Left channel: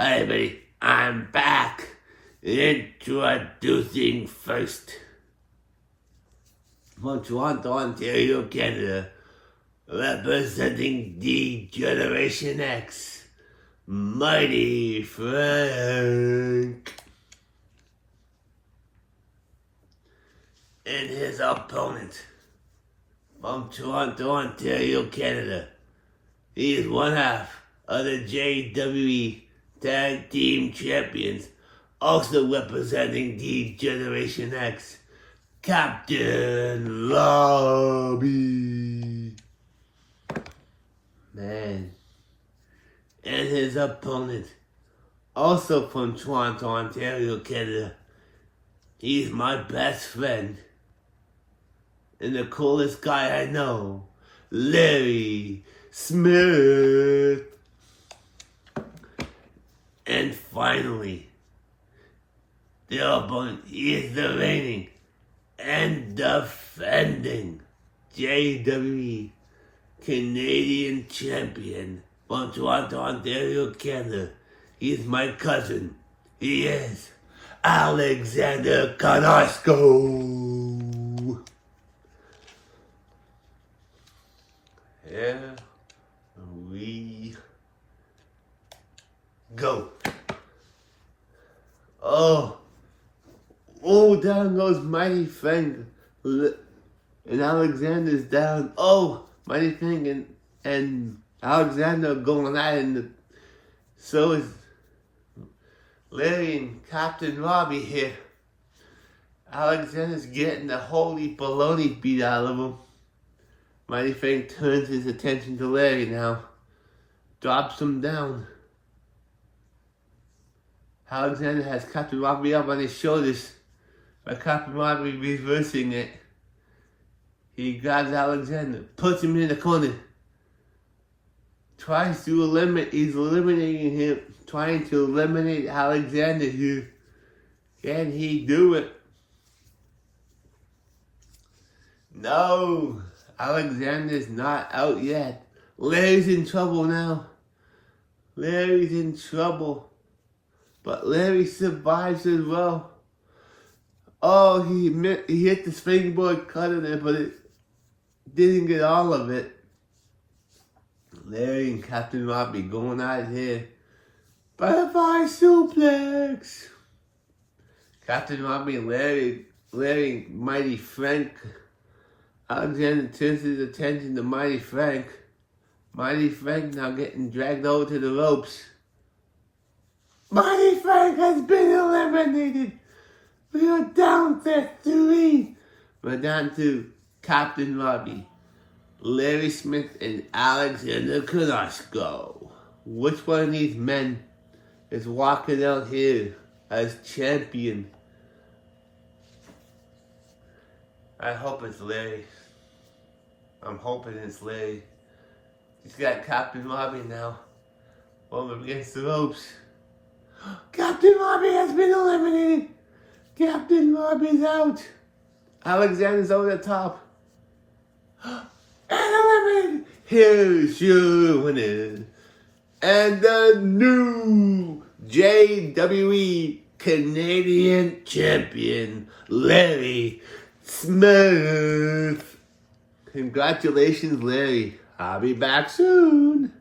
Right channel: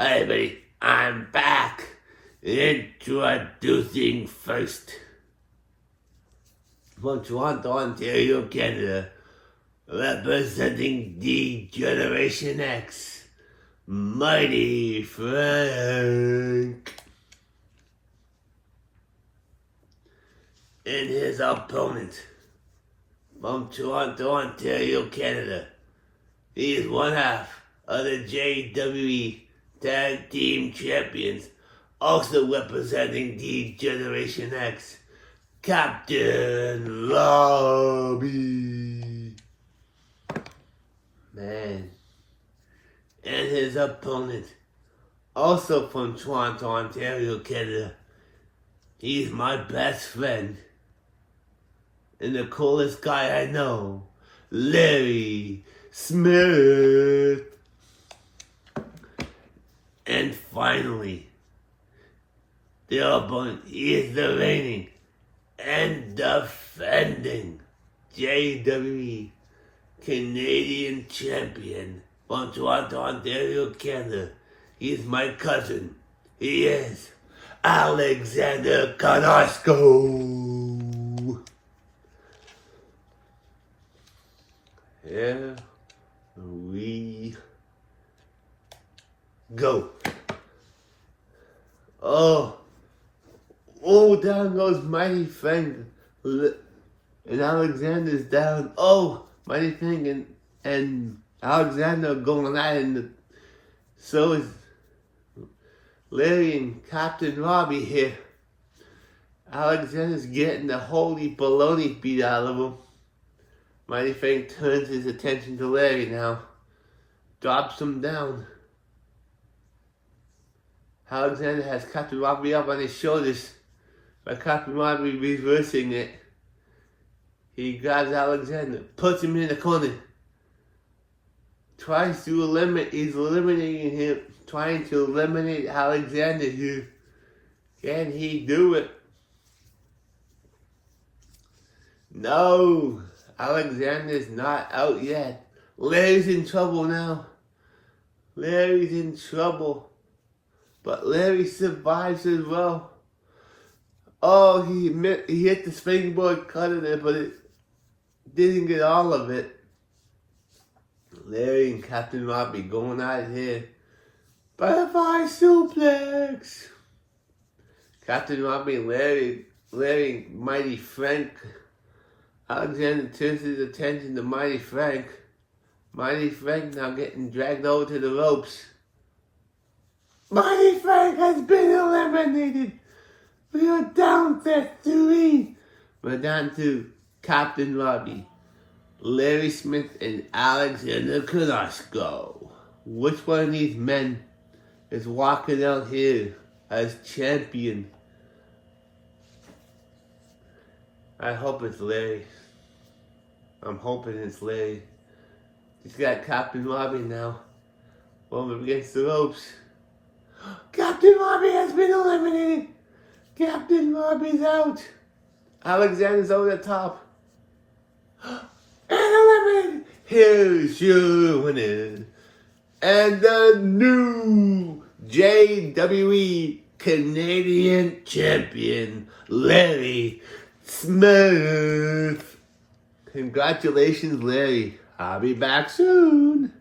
Hi everybody, I'm back. Introducing first from Toronto, Ontario, Canada, representing the Generation X, Mighty Frank. And his opponent from Toronto, Ontario, Canada. He is one half of the JWE Tag Team Champions, also representing the Generation X, Captain Robbie. Man. And his opponent, also from Toronto, Ontario, Canada. He's my best friend and the coolest guy I know, Larry Smith. And finally, the opponent is the reigning and defending JWE Canadian Champion from Toronto, Ontario, Canada. He's my cousin. He is Alexander Carrasco. Here we go. Oh, down goes Mighty Frank. And Alexander's down. Oh, Mighty Frank and Alexander going at it. And so is Larry and Captain Robbie here. Alexander's getting the holy baloney beat out of him. Mighty Frank turns his attention to Larry now. Drops him down. Alexander has Captain Robbie up on his shoulders, but Captain Robbie reversing it. He grabs Alexander, puts him in the corner, he's eliminating him, trying to eliminate Alexander here. Can he do it? No, Alexander's not out yet. Larry's in trouble now. Larry's in trouble. But Larry survives as well. Oh, he hit the springboard cutter there, but it didn't get all of it. Larry and Captain Robbie going at it here. Butterfly suplex. Captain Robbie and Larry, Mighty Frank. Alexander turns his attention to Mighty Frank. Mighty Frank now getting dragged over to the ropes. Mighty Frank has been eliminated. We are down to 3. We're down to Captain Robbie, Larry Smith, and Alexander Carrasco. Which one of these men is walking out here as champion? I hope it's Larry. I'm hoping it's Larry. He's got Captain Robbie now over against the ropes. Captain Robbie has been eliminated. Captain Robbie's out. Alexander's over the top. And eliminated. Here's your winner. And the new JWE Canadian Champion, Larry Smith. Congratulations, Larry. I'll be back soon.